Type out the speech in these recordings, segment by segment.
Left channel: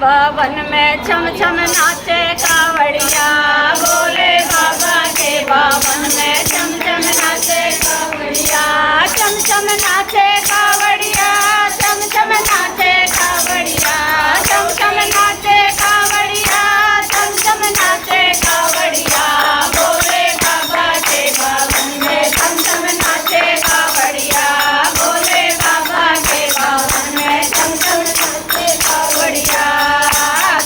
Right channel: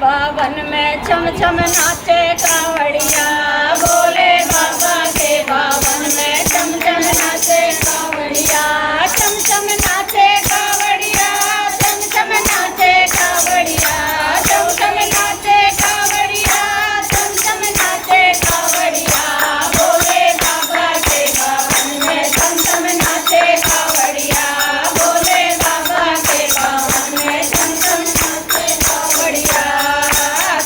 भवन में छम छम नाचे कावड़िया। भोले बाबा के भवन में छम छम नाचे कावड़िया। छम छम नाचे कावड़िया, छम छम नाचे कावड़िया, छम छम नाचे कावड़िया, छम छम नाचे कावड़िया। भोले बाबा के भवन में छम छम नाचे कावड़िया। भोले बाबा के भवन में छम छम नाचे कावड़िया।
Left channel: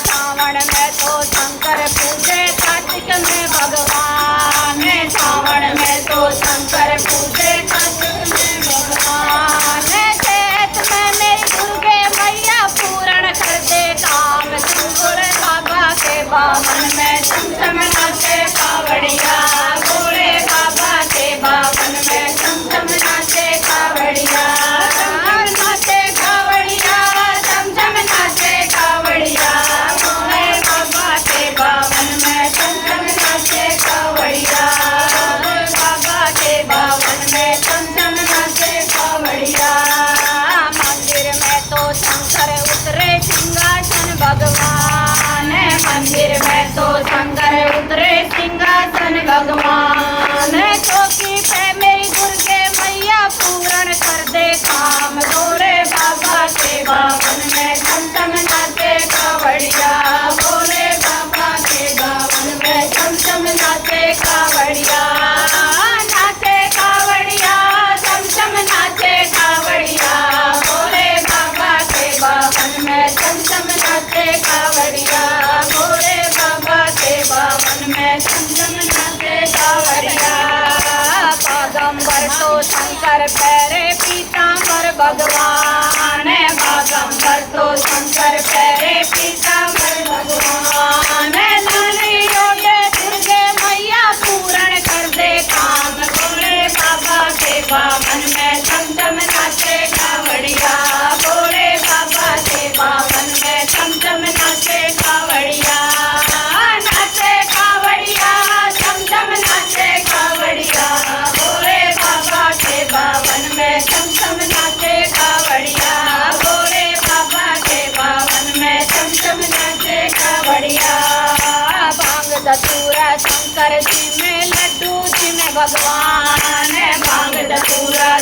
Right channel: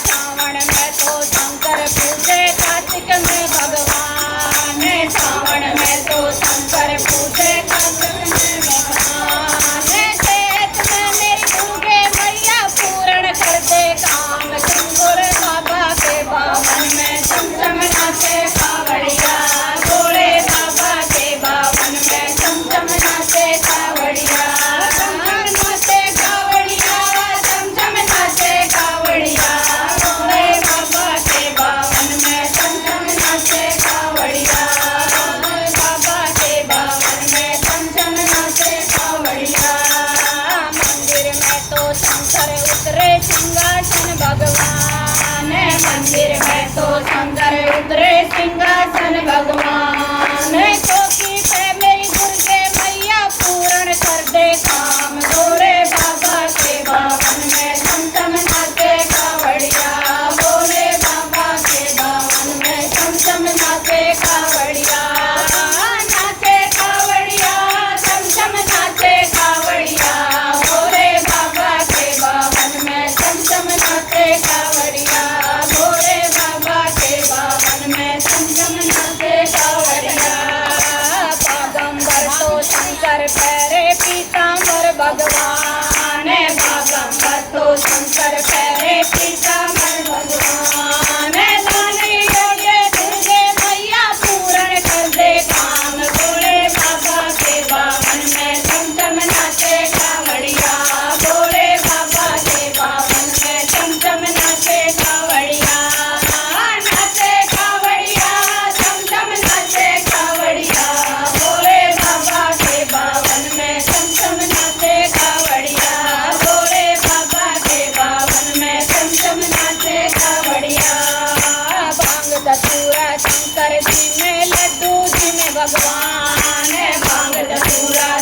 सावन में तो शंकर पूजे, कार्तिक में भगवान। सावन में तो शंकर पूजे, कार्तिक में भगवान। चैत में मेरी दुर्गे मैया पूर्ण कर दे काम। भोले बाबा के भवन में छम छम नाचे कावड़िया। भोले बाबा के भवन में छम छम नाचे कावड़िया। नाचे कावड़िया, छम छम नाचे कावड़िया। भोले बाबा के भवन में छम छम नाचे कावड़िया। बाबा के भवन में छम छम नाचे कावड़िया। मंदिर में तो शंकर उतरे सिंहासन भगवान। मंदिर में तो शंकर उतरे सिंहासन भगवान। चौकी पे मेरी दुर्गे मैया पूर्ण कर दे काम। भोले बाबा के भवन में छम छम नाचे कावड़िया। भोले बाबा के भवन में छम छम नाचे कावड़िया। नाचे कावड़िया, छम छम नाचे कावड़िया। भोले बाबा के भवन में छम छम नाचे कावड़िया। भोले बाबा के भवन में छम छम नाचे कावड़िया। बागंबर तो शंकर पैरे पीताम्बर भगवान। बागंबर तो शंकर पैरे पीताम्बर भगवान। धनी योगे दुर्गे मैया पूर्ण कर दे काम। भोले बाबा के भवन में छम छम नाचे कावड़िया। भोले बाबा के भवन में छम छम नाचे कावड़िया। नाचे कावड़िया, छम छम नाचे कावड़िया। भोले बाबा के भवन में छम छम नाचे कावड़िया। भोले बाबा के भवन में छम छम नाचे कावड़िया। भांग धतूरा शंकर जी में, लड्डू जी में भगवान। भांग धतूरा